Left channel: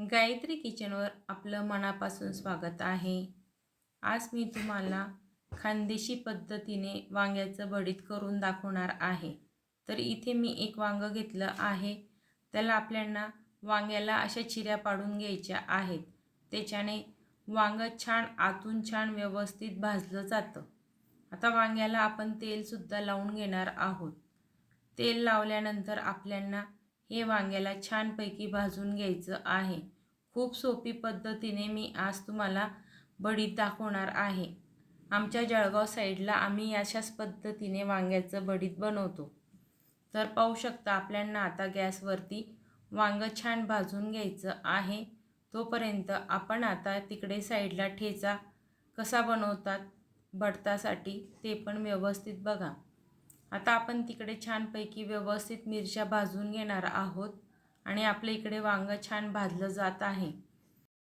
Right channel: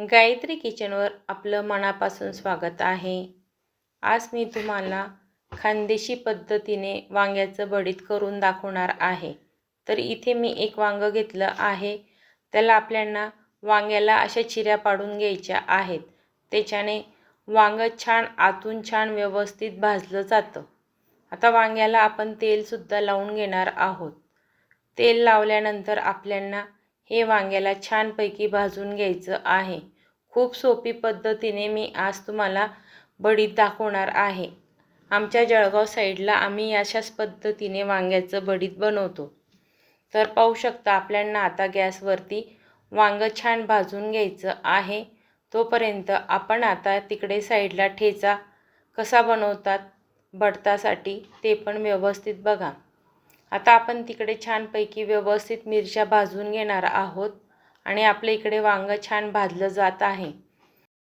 गायत्री किचनवर आपलं मनापासून स्वागत आहे. आज मी तुम्हाला खानदेशी पद्धतीने वांग्याचं भरीत करून दाखवणार आहे. तर इथे मी एक वांगं घेतलं आहे. त्याला आपल्याला वांग्याला अशा चिऱ्या पाडून घ्यायच्या आहेत. त्याच्याने वांगं छान आतून छान व्यवस्थित भाजलं जातं. आता वांग्याला आपण तेलसुद्धा लावून घेणार आहोत. तेल लावल्यानंतर आपल्याला हे वांग्याला छानपैकी भाजून घ्यायचं आहे. खूप सोपी पद्धतीने मी आज तुम्हाला भरीत दाखवणार आहे. आमच्या जळगाव साईडला आम्ही अशाच पद्धतीने वांग्याचं भरीत बनवतो. तर पाहू शकता आपल्याला आता गॅसवरती वांगं छान भाजून घ्यायचं आहे. तोपर्यंत आपण आता तिकडे साईडला ठेचा कसा बनवतात भरतासाठी ते पण व्यवस्थित बघा. आता आपण तिकडे छानपैकी व्यवस्थित मिरच्या भाजून घेणार आहोत आणि आपल्या इकडे वांगं छान भाजलं जात आहे.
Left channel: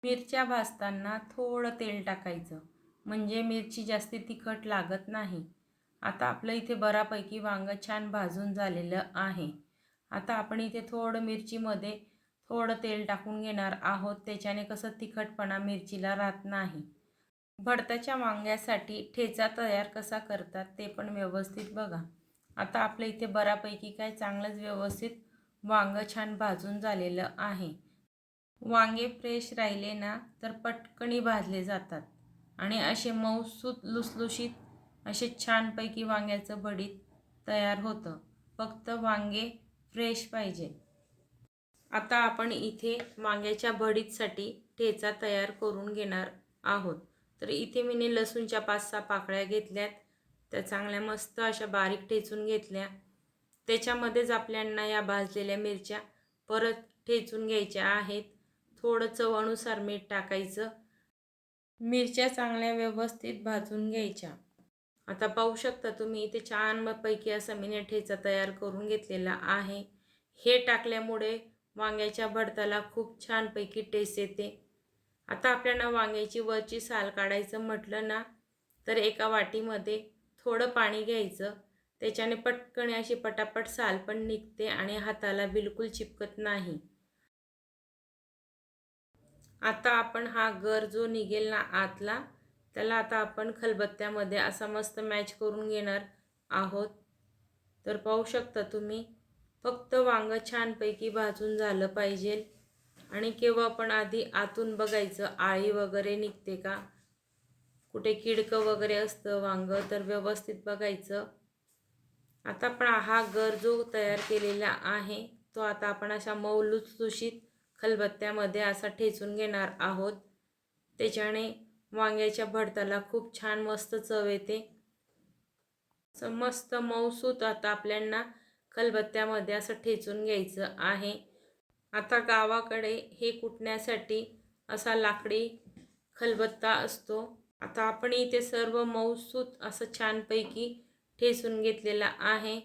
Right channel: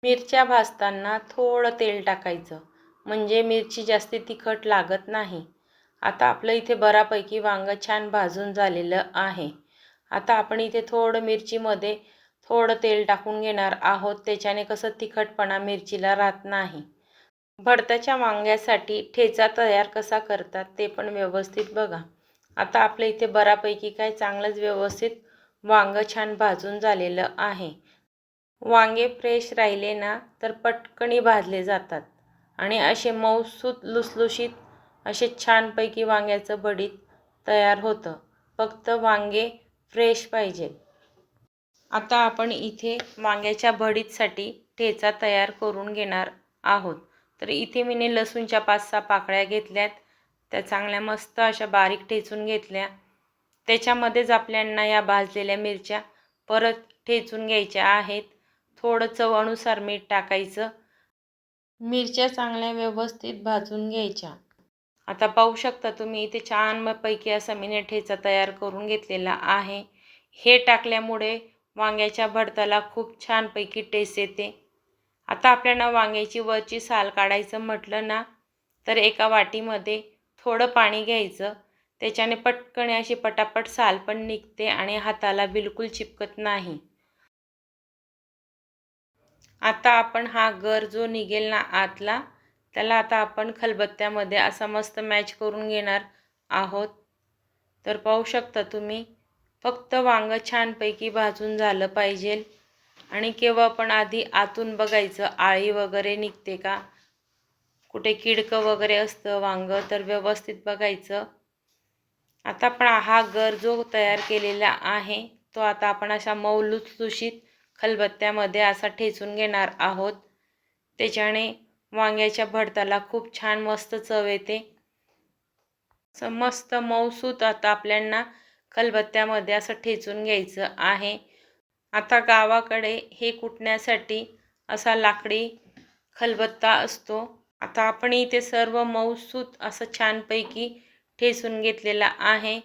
मिरच्या भाजताना थोडं तेल टाकायचं म्हणजे मिरची जास्त तिखट लागत नाही. आता आपलं इथे बऱ्यापैकी वांगं छान भाजून झालेलं आहे. आता आपण इथे थोडं मिरचीमध्ये थोडं तेल टाकून घेणार आहोत. त्याच्याने कसं तिखटपणा मिरचीला राहत नाही. भरताच्या वांग्यासाठी ठेचा तयार कसा करतात ते पण व्यवस्थित बघा. आता आपल्या इथे बऱ्यापैकी काय चांगलंच व्यवस्थित वांगं छान भाजून झालेलं आहे. वांगे फ्रेश राहिले ना तर पटकनी भाजले जातात आणि असे मऊसूत लुसलुशीत असे छानपैकी वांग्याचं भरीत तयार होतं. फक्त वांगे फ्रेश पाहिजेत. आता आपण इथे वांग्याच्या भरीतसाठी ठेचा तयार करून घेणार आहोत. तर इथे मी लसूणच्या 5-6 पाकळ्या घेतल्यात. त्या चांगल्या मस्त अशा बारीक ठेचून घेतल्या. त्याच्यामध्येच आपल्याला या भाजलेल्या मिरच्या परत ठेचून घ्यायच्या आहेत. थोडं चवीनुसार मीठ टाकायचं. मिरच्या चांगल्या व्यवस्थित भाजून घ्यायच्या. आता पाहू शकता तुम्ही इथे छानपैकी असा मी ठेचा तयार करून घेतलेला आहे. हे टाकल्यामुळे वांग्याच्या भरताला खूप छानपैकी टेस्ट येते. आता आपल्याला वांग्याची वरची साल काढायचं म्हटलं ना तर एका वाटीमध्ये थोडं पाणी घ्यायचं. त्याच्याने पटकन अशी पटापट साल पण निघते आणि हाताला बिलकुल चिपकत नाही. आता आपण हा गर जो निघेल ना आतला त्याला आता आपण खलबत्त्यामध्ये असा मस्त मॅच करून घेणार आहोत. तर पाहू शकता तुम्ही फक्त वांगं छानपैकी भाजून झालं पाहिजे आणि केव्हा पण आधी आतून बघायचं आळी वगैरे निघते का, कुठे किडकं वगैरे असतं वांगं तर व्यवस्थित बघायचं. आता आपण हा गर जो तयार केलेला आहे तो आता आपण अशा मऊ लुसलुशीत खलबत्त्यामध्ये असा ठेचून घेणार आहोत. त्याच्याने वांग्याच्या भरताला खूप छान मस्त चव येते. मस्त मऊसूत आता आपल्याला खलबत्त्यामध्ये असं ठेचून घ्यायचं आहे. आता गावाकडे हे कुटण्यासाठी असा लाकडी खलबत्ता असतो. आता आपण इथे सर्व मऊसूत असं छानपैकी ठेचून घेतलेला आहे.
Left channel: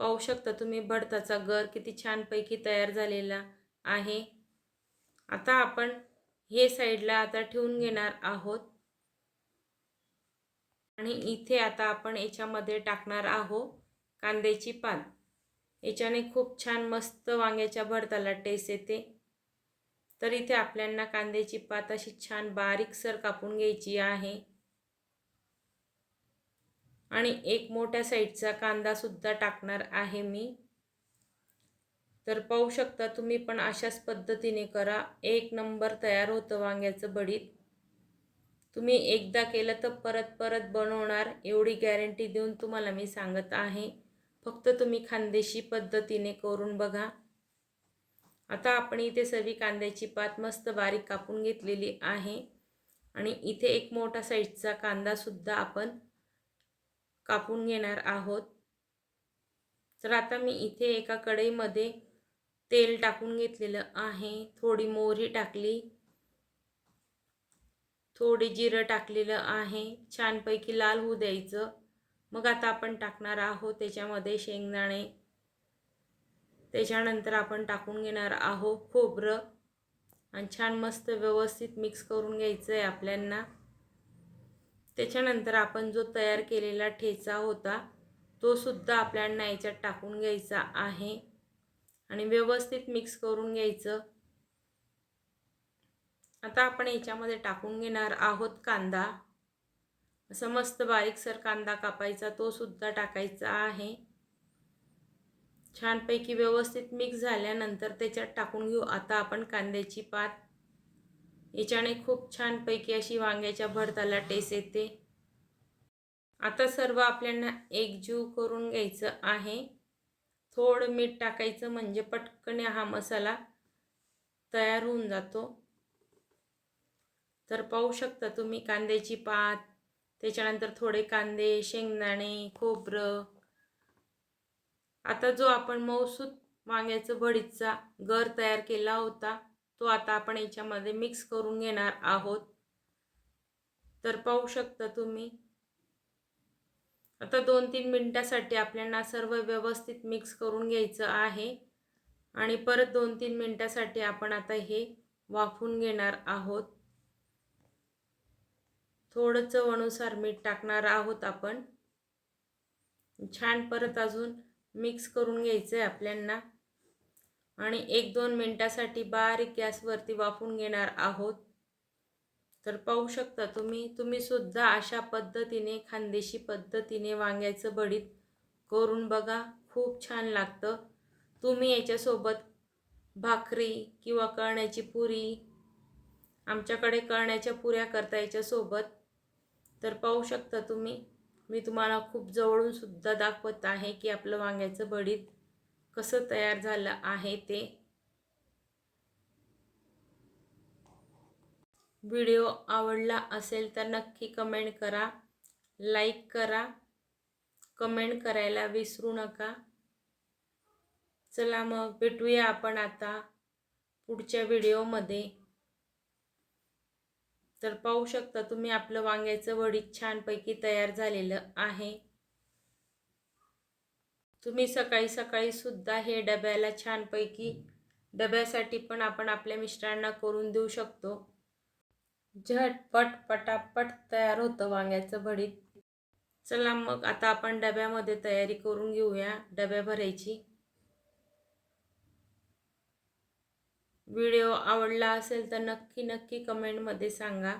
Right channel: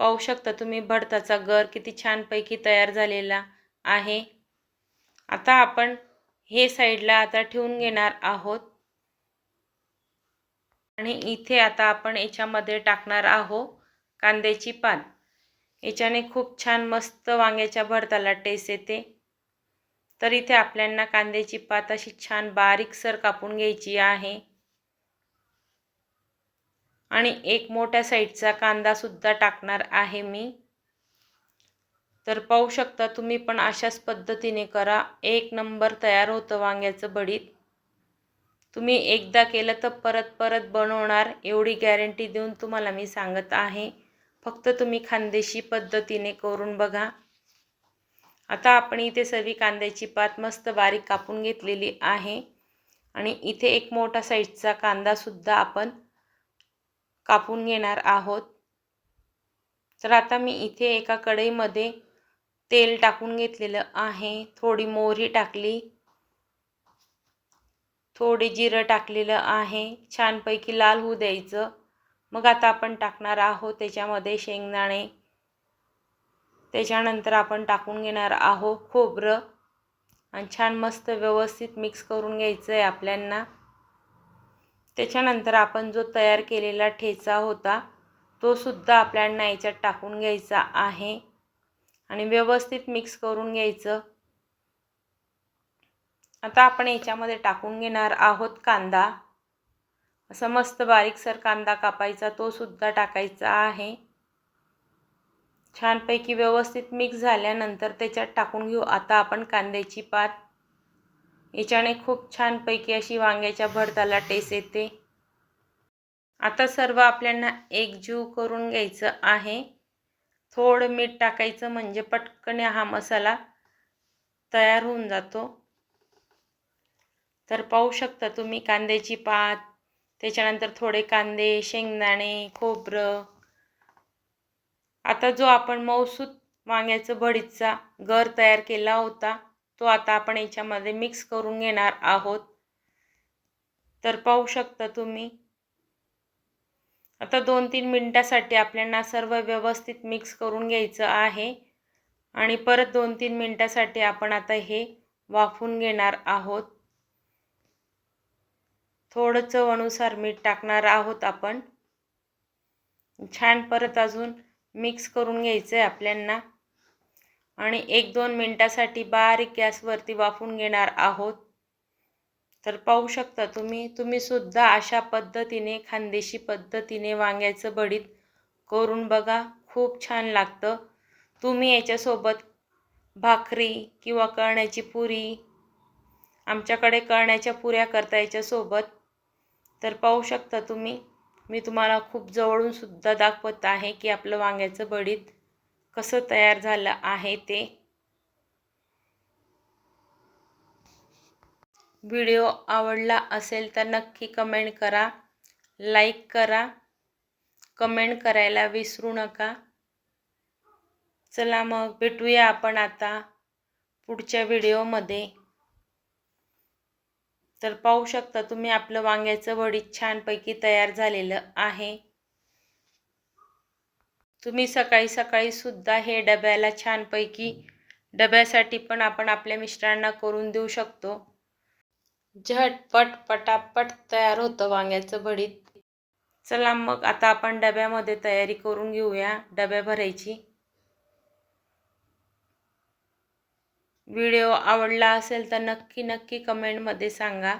पाहू शकता तुम्ही भरताचा गर किती छानपैकी तयार झालेला आहे. आता आपण हे साईडला आता ठेवून घेणार आहोत आणि इथे आता आपण याच्यामध्ये टाकणार आहोत कांद्याची पात. याच्याने खूप छान मस्त वांग्याच्या भरताला टेस्ट येते. तर इथे आपल्याला कांद्याची पात अशी छान बारीकसर कापून घ्यायची आहे आणि एक मोठ्या साईजचा कांदासुद्धा टाकणार आहे मी. तर पाहू शकता तुम्ही पण अशाच पद्धतीने करा. एक नंबर तयार होतं वांग्याचं भरीत. तुम्ही एकदा केलं तर परत परत बनवणार एवढी गॅरंटी देऊन तुम्हाला मी सांगत आहे. फक्त तुम्ही खानदेशी पद्धतीने करून बघा. आता आपण इथे सर्व कांद्याची पात मस्त बारीक कापून घेतलेली आहे आणि इथे एक मोठा साईजचा कांदासुद्धा आपण कापून घेणार आहोत. तर आता मी इथे एका कढईमध्ये तेल टाकून घेतलेलं आहे. थोडी मोहरी टाकली, थोडे जिरं टाकलेलं आहे. छानपैकी लाल होऊ द्यायचं. मग आता आपण टाकणार आहोत त्याच्यामध्ये शेंगदाणे. त्याच्यानंतर आपण टाकून घेणार आहोत खोबरं आणि छान मस्त व्यवस्थित मिक्स करून घ्यायचं आहे आपल्याला. त्याच्यानंतर आपण जो तयार केलेला ठेचा होता तो सुद्धा आपल्याला याच्यात टाकून घ्यायचा आहे आणि व्यवस्थित मिक्स करून घ्यायचं. आता आपण याच्यामध्ये टाकून घेणार आहोत कांदा. असा मस्त बारीकसर कांदा कापायचा, तो सुद्धा टाकायचा आहे. छानपैकी व्यवस्थित मिक्स झाल्यानंतर त्याच्यात टाकून घेऊ आता आपण कांद्याची पात. याच्याने खूप छानपैकी अशी वांग्याच्या भरताला टेस्ट येते. आता सर्व आपल्याला एकजीव करून घ्यायचं आहे. थोडं मीठ टाकायचं म्हणजे पटकन हा मसाला तयार होऊन जातो. तर पाहू शकता तुम्ही कांद्याची पात, त्याच्यानंतर थोडे कांदे, शेंगदाणे, खोबरं. आता जो आपण मऊसूत वांग्याचं भरीतचा गर तयार केला होता तो आता आपण याच्यामध्ये मिक्स करून घेणार आहोत. तर पाहू शकता तुम्ही आता 2-3 मिनिटासाठी आपल्याला सर्व व्यवस्थित मिक्स करून घ्यायचं आहे आणि परत 2-3 मिनिटासाठी आपण आता हे वाफवून घेणार आहोत. थोडं चवीनुसार मीठ टाकणार आहोत आपण. छान परत अजून मिक्स करून घ्यायचं आहे आपल्याला आणि 1-2 मिनिटासाठी बारीक गॅसवरती वाफवून घेणार आहोत. तर पाहू शकता तुम्ही सुद्धा अशा पद्धतीने खानदेशी पद्धतीने वांग्याचं भरीत करून बघा, खूप छान लागतं. तुम्ही याच्यासोबत भाकरी किंवा कळण्याची पुरी, आमच्याकडे कळण्याच्या पुऱ्या करता याच्यासोबत. तर पाहू शकता मी तुम्हाला खूप जवळून सुद्धा दाखवत आहे की आपलं वांग्याचं भरीत कसं तयार झालं आहे ते. व्हिडिओ आवडला असेल तर नक्की कमेंट करा, लाईक करा, कमेंट करायला विसरू नका. चला मग भेटूया आपण आता पुढच्या व्हिडिओमध्ये. तर पाहू शकता तुम्ही आपलं वांग्याचं भरीत छानपैकी तयार झालेलं आहे. तुम्ही सकाळी सकाळी सुद्धा हे डब्याला छानपैकी डब्यासाठी पण आपण आपल्या मिस्टरांना करून देऊ शकतो. झटपट पटापट तयार होतं वांग्याचं भरीत. चला मग आता आपण डब्यामध्ये तयारी करून घेऊया डब्या भरायची. व्हिडिओ आवडला असेल तर नक्की कमेंटमध्ये सांगा.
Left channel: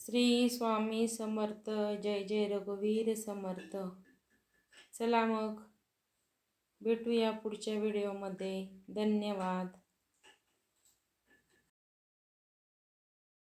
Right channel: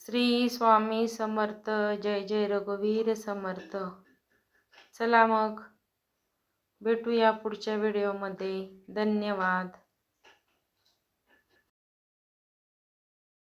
श्री स्वामी समर्थ. जय जय रघुवीर समर्थ. चला मग भेटूया पुढच्या व्हिडिओमध्ये. धन्यवाद.